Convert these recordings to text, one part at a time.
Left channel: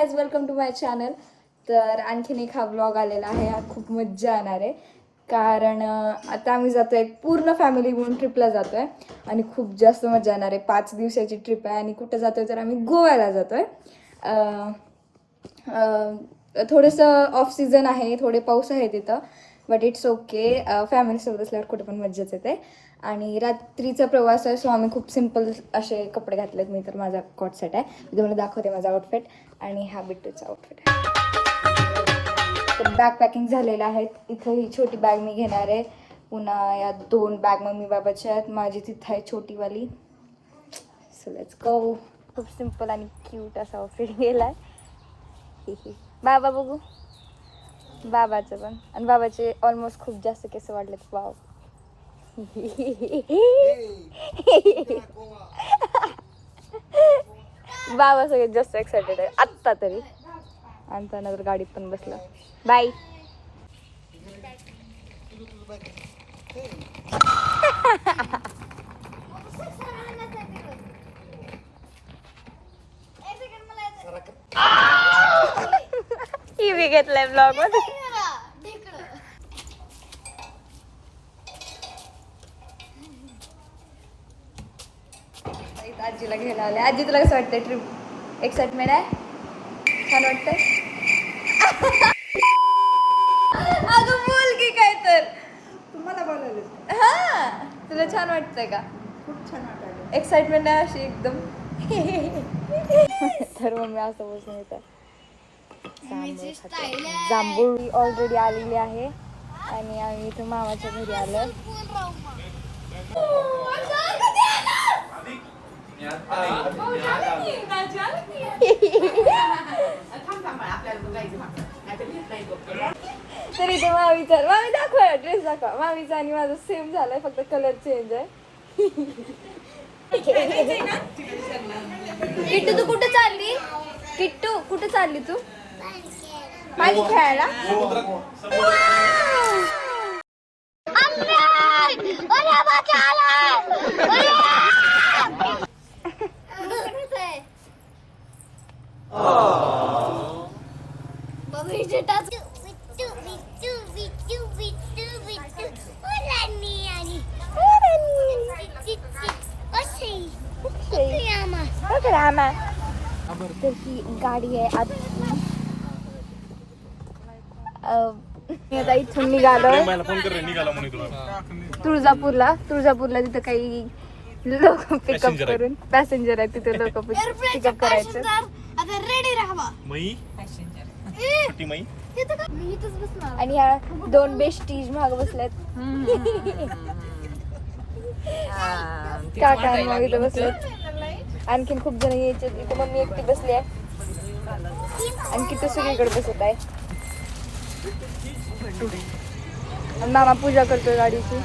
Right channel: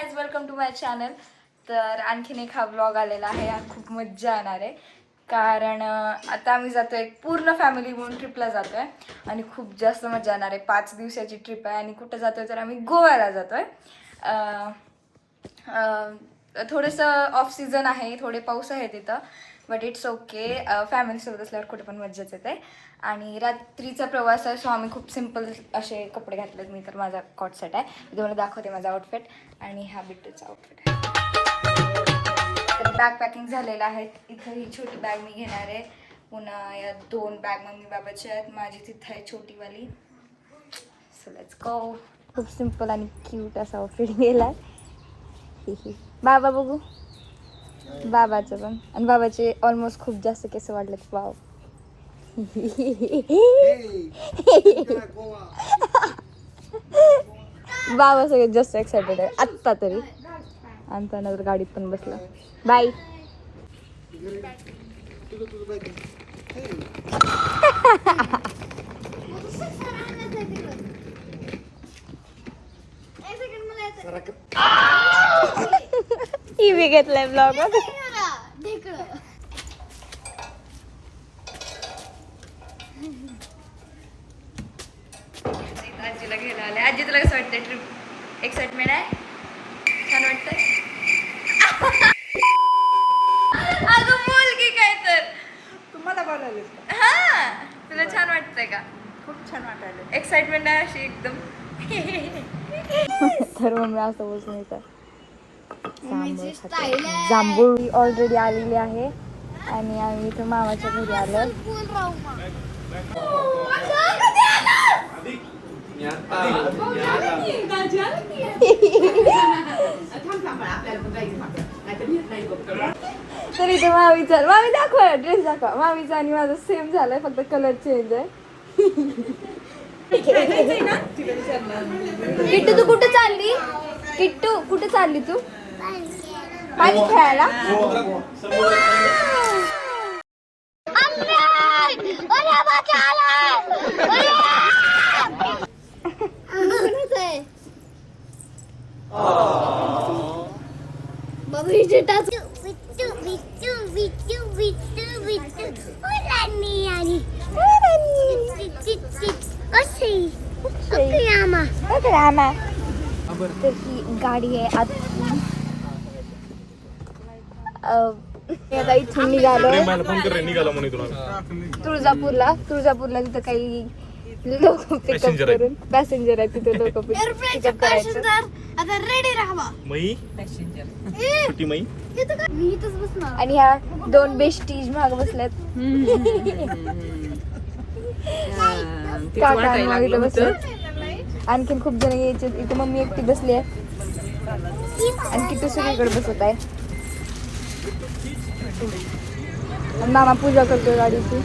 Guys, welcome to my channel. तर आणखीन एक हा ब्लॉग आलेला आहे. हा खूप मज्जा येणार आहे कारण आता आम्ही जातोय पूर्ण फॅमिली म्हणून ट्रिपला जातोय आणि खूप जास्त मजा येणार आहे. 5 दिवसाची ट्रिप आहे आणि कुठं जातोय तर आम्ही गोव्याला जातोय. थोडंसं ऑफ सीझन आहे, थोडे पाऊस आहे तिथं, बट इट्स ओके. फॅमिलीसोबत असल्यावर कुठे पण मज्जाच येते. आणि रात्रीचा प्रवास आहे, सो आम्ही खूप सिम्पल असे कपडे घातलेत. मी तर माझा कॉट सेट आहे, मी तुम्हाला दाखवते माझा आउटफिट. आणि हा बिट्टूचा आउटफिट. बॅग पॅकिंग झालेलं आहे. इथं ही छोटी बॅग मी घेणार आहे. पुन्हा या 2 बॅग मम्मी बाबाच्या आहेत. माझी तिथं आहे छोटीवाली. So let's go. खूप सिम्पल आणि क्यूट असा आउटफिट गेलाय. बाबा बघू, बाबाचं पण. आणि बाबाचे ऑलमोस्ट खूप जास्त केस वाढलेत. वाव. बाबा सगळ्यात जास्त एक्साइटेड आहे आत्ता तरी. आणि त्यानंतर गाडीत पण बसला. बाय. ही बी घेतलाय ब्लॉग. आजीला घ्यायला आले. आजी तुला कसं वाटतंय ट्रिप? एक्साइटमेंट आहे? छान वाटतंय? अगं बोल की काय तर. तुम्हाला बोलायला हा, तुला छान वाटतंय का? खूप छान वाटायला. एक्साइटमेंट आहे अशी एकदम. तर मग मी असं बसून जांभूळ ऑलरेडी आलेली आहे आणि आम्ही इथं मामाच्या घरी आलो. तरी तर मामीचा, मामी दाखवा ड्रेस दाखवा. मामीचा आणि माझं सेम झालंय, फक्त कलर चेंज आहे. किट्टू तू कुठे चालली? किट्टू कुठे चालली तू? पाणी खेळायला. गाडी आहे तुळजापूरला तिथं काही पॅसेंजर आहे तिथे. रेडी राहावा. आणि ह्या 2 बेस्टीज माग बसल्यात. वाटायला लागलं होतं. आणखीन खूप जण यायचे. इथे मम्मी एकटी बसली आहे आणि किती सगळीकडे बसत आहे. मामा पूजा करतो गाडीची.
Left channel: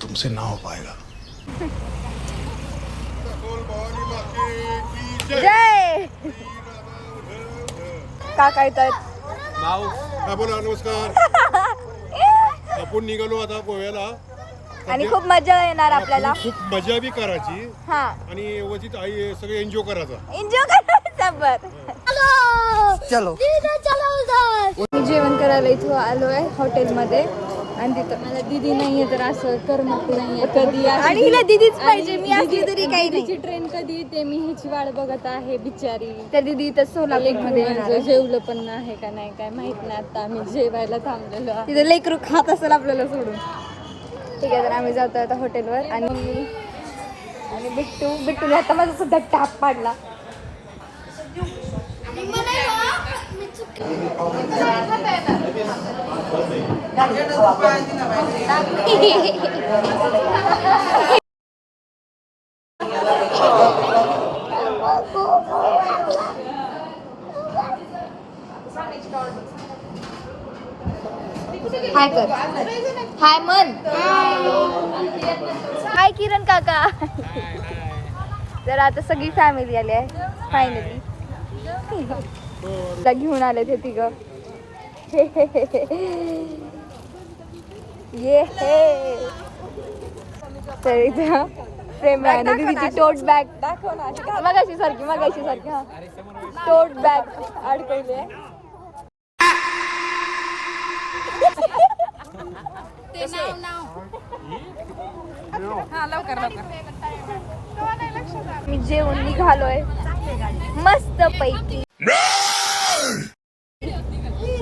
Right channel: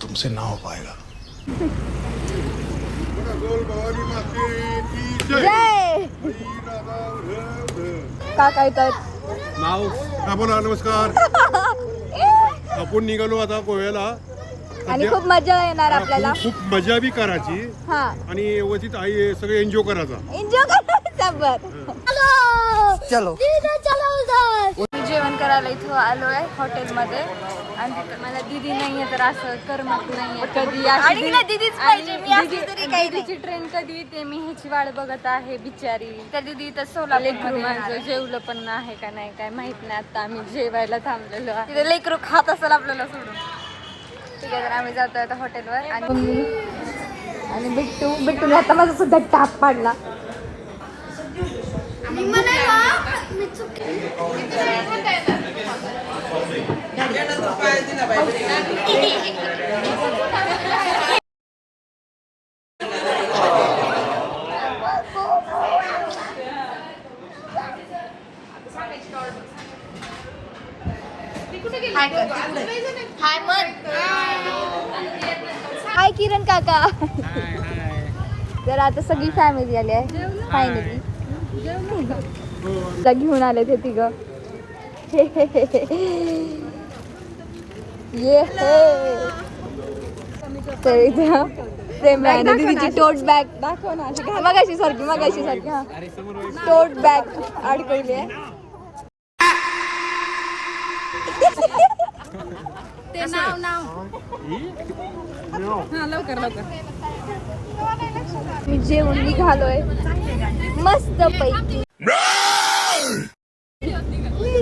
तुमसे ना हो पाएगा. काका येतात. माऊ हा बोला. नमस्कार. आपण निघालो आता गोव्याला. आणि खूप मजा येणार आपल्याला. खूप मजा बी करायची आणि व्यवस्थित आई सगळे एन्जॉय करायचा. एन्जॉय करायचा. चलो. मी जेवण करायला इथं आलोय हॉटेलमध्ये आणि तिथं मला दीदी नाहीये तर असं करमत नाहीये. कधी आणि हिला दीदीच पाहिजे. मी असली तरी काही दीदीची ट्रेन कधी येते मी ह्याची वाट बघत आहे बिचारी. तर दीदी इथं सोलापूरमध्ये जेवलं पण नाही का नाही काय माहित नाही. आता आम्ही जेवायला थांबलेलो आहे. तिथे लेकरू खात असेल आपल्याला सोडून. ठीक आहे, तर आम्ही जातो आता हॉटेलवर. आणि बिट्टूने आता माझा सुद्धा टाप पाडला. हाय कर. हाय मन. हाय किरण काका. हाय हाय. तर आता सगळी फॅमिली आली आहे. हो आता घेऊन आले ते तिघ ये टोट बॅग दाखव ना मगाशी सारखी टोट बॅग ते नाव हा लवकर मी जेवण निघालोय मस्त पैकी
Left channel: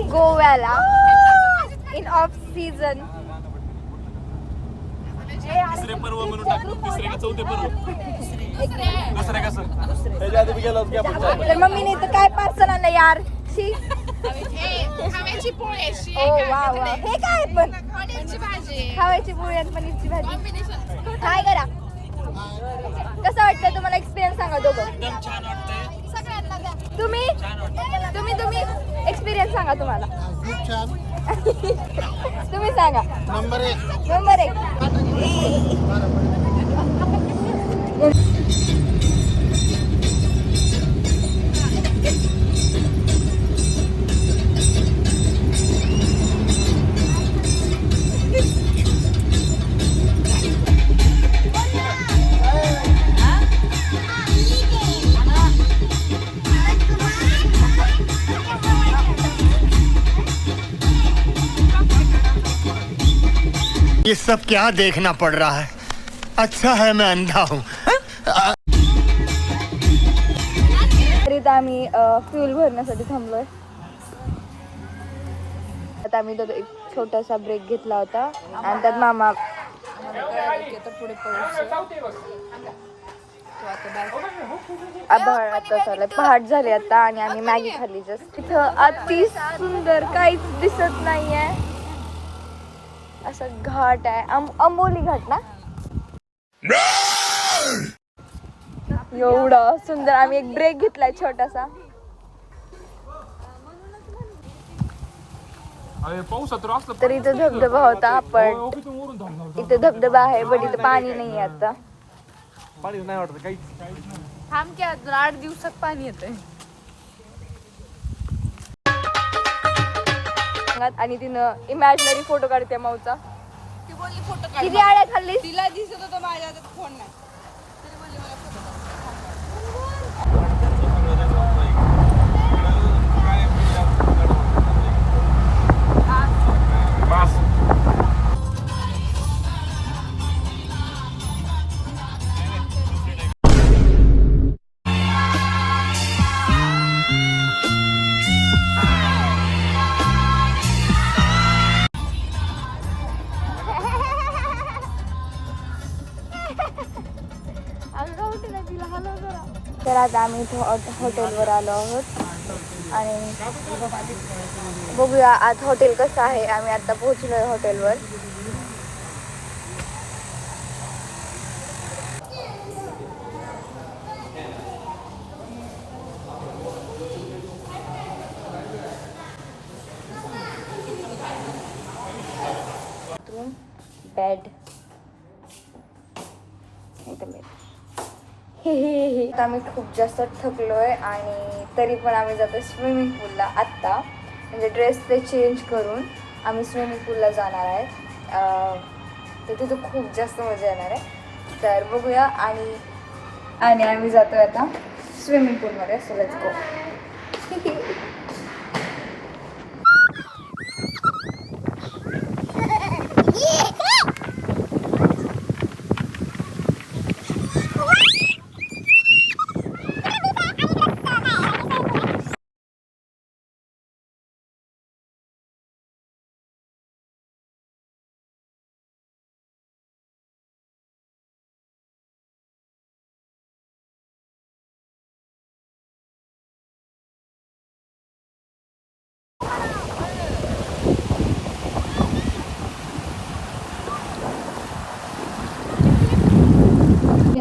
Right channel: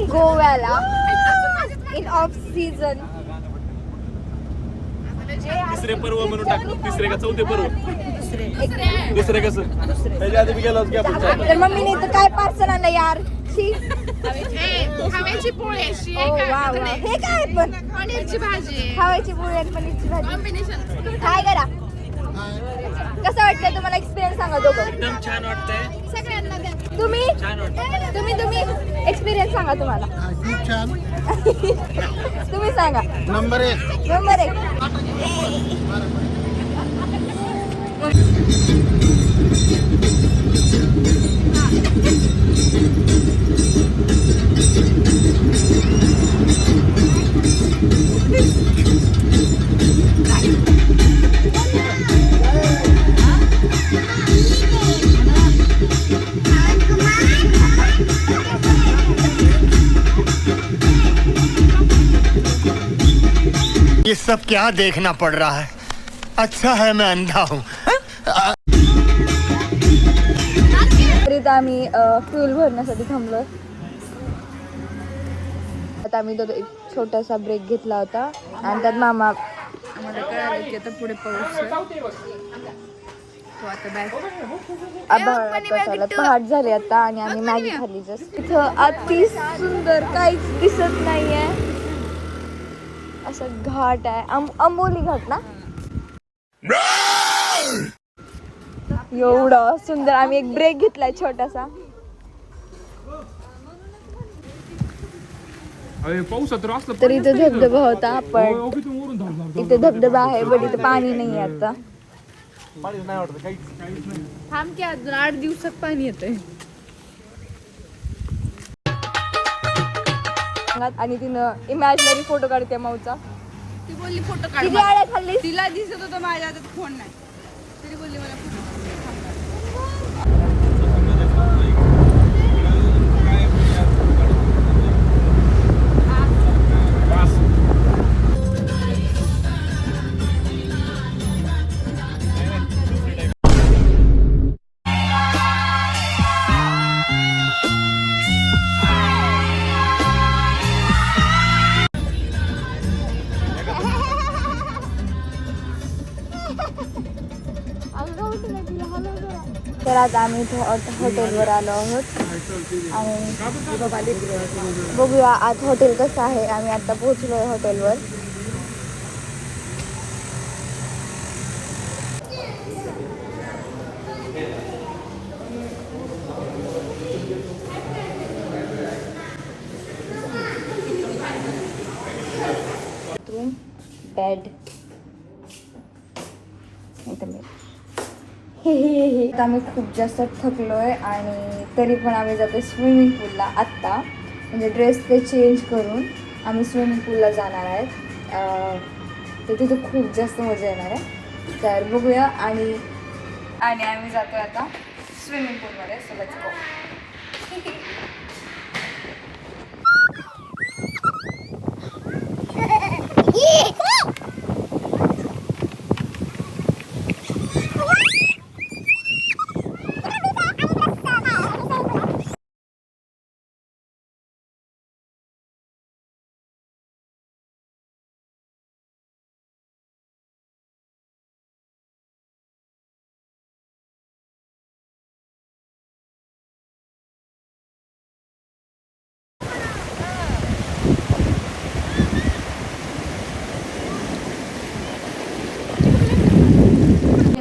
गोव्याला इन ऑफ सीझन तिसरे पर्व म्हणून टाक तिसरे का चौथे पर्व दुसरे कसं त्याच्या आधी मी गेलोच की आपण तर मम्मीने इथं काय पार्सल आणलं यार हव्याची पोळी अशी हे काय पण पनीरची भाजी हवायची पोळी आणि पनीरची भाजी कॉम्बिनेशन काय करा कसं वाटलं तुम्हाला एक्सपिरियन्स सांगा दोघं एकदम छान वाटतंय सगळ्यांना द्या तुम्ही छान वाटतं तुम्ही एक्सपिरियन्स सांगा तुम्हाला खूप छान तुम्ही सांगा नंबर 1 नंबर एक ये सब क्या देखना पड़ रहा है अच्छा है मैं अंधा हूँ तरीच आम्ही फ्यूल भरण्यासाठी थांबलोय आता आम्ही दोघं एक छोटासा ब्रेक घेतला होता आणि त्यात मामा आम्हाला कळालं की आता पुढे पाऊस आहे तो आता बॅग पहाट झाली आता आणि आम्ही मॅगी खाल्ली जस्ट इथं अति सुंदर काहीच दिसत नाहीये असा घाट आहे अंबोली घाट ना एवढं सुंदर आम्ही एक ब्रेक घेतलाय छोटासा अरे पाऊस तर असलं तर इथं धबधबा होता पण इथे धबधबा आहे पण इथे पाणी नाही आता थांब की अजून 8 दिवसात पाणी येतंय आणि तिनं इमॅजिनरी फोटो काढते माऊचा ती बोलली फोटो काढ किती आड्या खाल्ली तिला दिसत होतं माझ्या हातात फोन नाही तरी बोलली मला फोटो काढ तर आता आम्ही हॉटेलवर आलो आहोत आणि बघूया आज हॉटेल कसं आहे आम्ही आता पोहोचलोय हॉटेलवर बेड आम्ही खूप जास्त थकलोय आणि तरी पण आम्ही जातो स्विमिंग पूलला आत्ता म्हणजे ड्रेस ते चेंज करून आम्ही स्विमिंग पूलला जाणार आहेत तर तिथं खूप जास्त मजा येणार आहे तर बघूया आणि आम्ही जातोय आता स्विमिंग पूलमध्ये सो लेट्स गो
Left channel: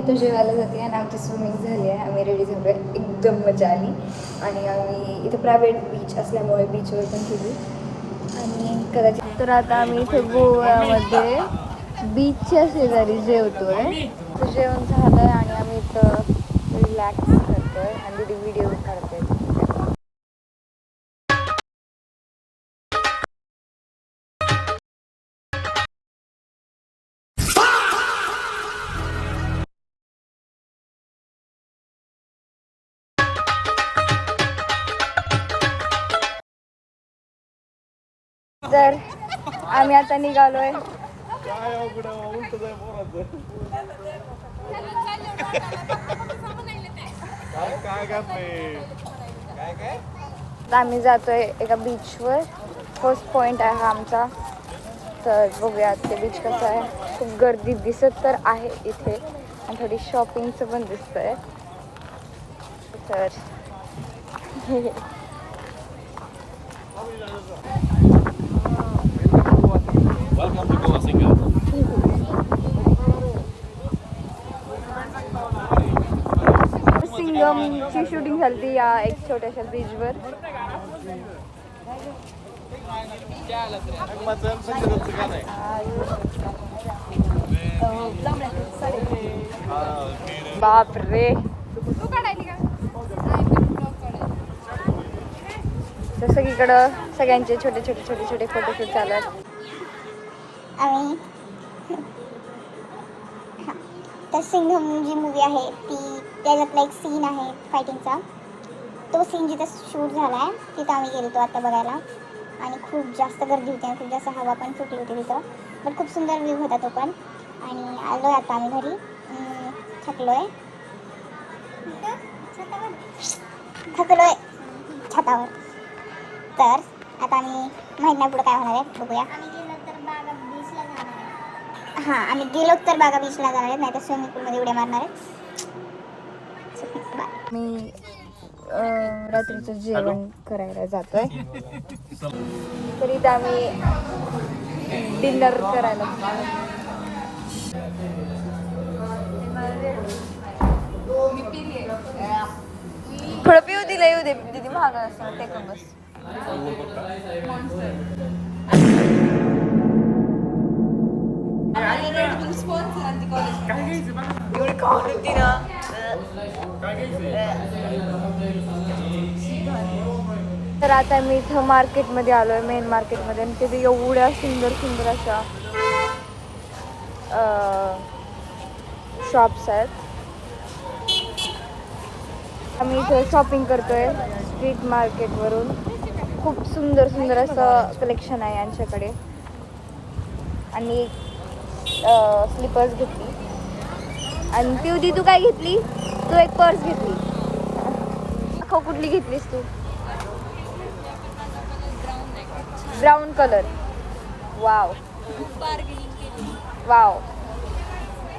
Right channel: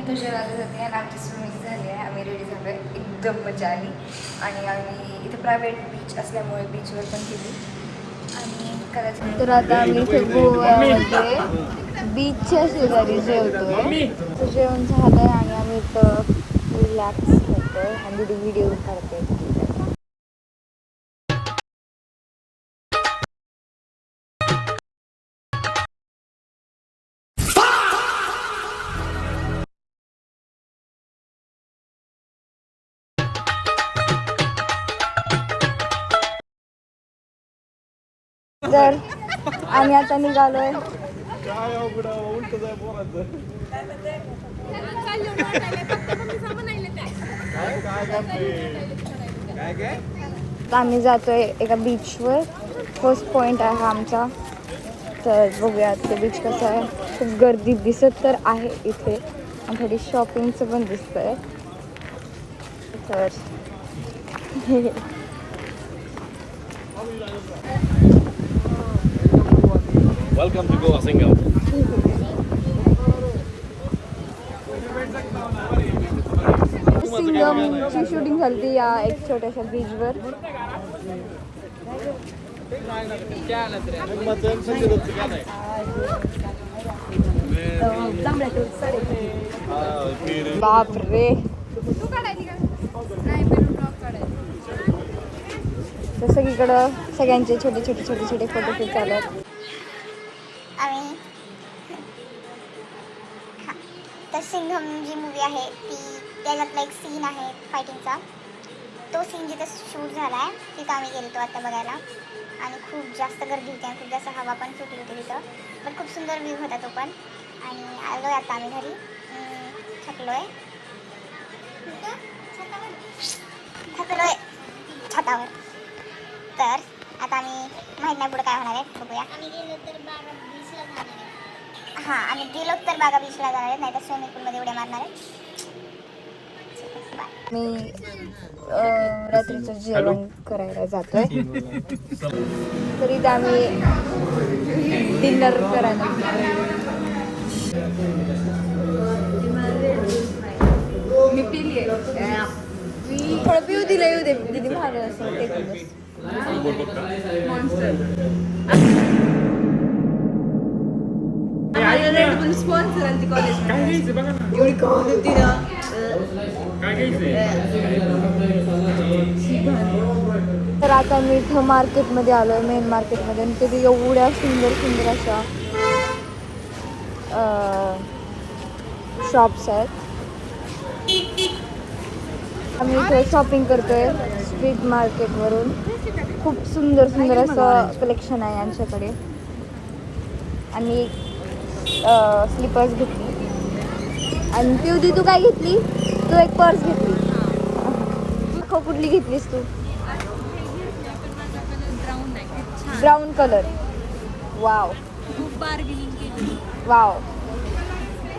आता जेवायला जाते आणि आमची स्विमिंग झाली आहे आम्ही रेडी झालो आहे एकदम मजा आली आणि आम्ही इथं प्रायव्हेट बीच असल्यामुळे बीचवर पण केली आणि कदाचित तर आता आम्ही गोव्यामध्ये बीचच्या शेजारी जेवतो आहे जेवण झालं आहे आणि आम्ही इथं रिलॅक्स करतो आहे आणि व्हिडिओ काढते तर आम्ही आता निघालोय. आम्ही जातोय एका बीचवर. फर्स्ट पॉइंट आहे हा आमचा. तर बघूया ते बीच कसं आहे. खूप गर्दी दिसत तर आहे इथे आणि थोडी शॉपिंगचं पण दिसतंय. तर वेलकम टू गोवा सिंगम. सिंगमची शूटिंग झाली या एक छोट्याशा बीचवर. बापरे सगळीकडं सगळ्यांचे छोटे छोटे छोटे छोटे फोटो चालतात. आणि तर सिंघम जी मूवी आहे ती त्याच्यातला एक सीन आहे फायटिंगचा. तो सीन जिथं शूट झाला आहे तिथं आम्ही गेलो आता बघायला. आणि खूप जास्त गर्दी होती आणि खूप जास्त हवा पण सुटली होती तिथं. बट खूप सुंदर व्ह्यू होता तो पण. आणि आलो आहे आता आम्ही घरी. थकलो आहे छतावर. तर आता आम्ही माहीत नाही पुढे काय होणार आहे, बघूया. हां आम्ही गेलो तर बागा बीचला जाणार आहे, नाही तर स्विमिंग पूलमध्ये उड्या मारणार आहे. मी रात्रीचं जेवण करायला जातोय. तरी आम्ही डिनर मी पिली थोडं पिऊ दिलं. येऊ दे दीदी महाग असं टेकून बस. आम्हाला रेड बुल स्पॉन्सर आली कॉलेज एवढी खाऊन होती ना. तर आता मी इथं मार्केटमध्ये आलोय, मेन मार्केटमध्ये. आणि तिथे एवढ्या सुंदर सुंदर अशा शॉप्स आहेत. आम्ही इथे शॉपिंग करतोय स्ट्रीट मार्केटवरून. खूप सुंदर सुंदर असं कलेक्शन आहे यांच्याकडे. आणि स्लीपर्स घेतली. आणि पिवदी तू काय घेतली? तू एक पर्स घेतली. कुठली घेतलीस तू? ब्राऊन आहे. Brown colour. वाव खूप बार्गेनिंग केली. वाव.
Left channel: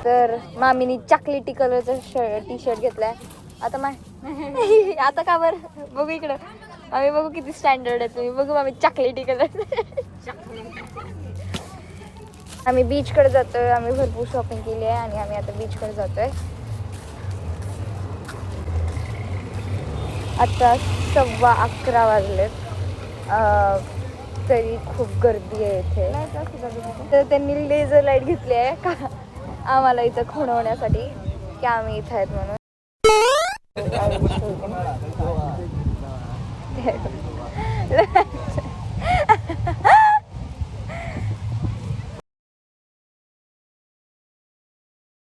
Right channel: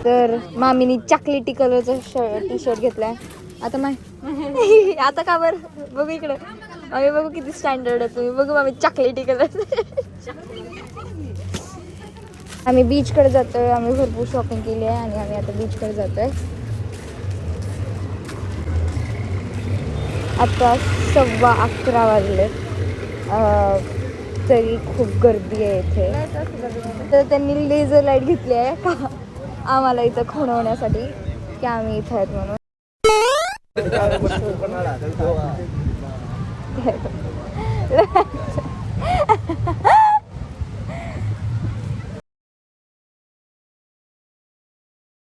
तर मामीनी चॉकलेटी कलरचा टी शर्ट घेतलाय. आता आता का बरं बघू इकडे. आम्ही बघू किती स्टँडर्ड आहे तुम्ही. बघू मामी चॉकलेटी कलर. आम्ही बीचकडे जातोय. आम्ही भरपूर शॉपिंग केली आहे आणि आम्ही आता बीचकडे जातोय. आता 11:15 वाजले. तरी खूप गर्दी आहे इथे. तर त्यांनी लेझर लाईट घेतली आहे का आम्हाला इथं खुणवण्यासाठी की आम्ही इथं आहेत म्हणून.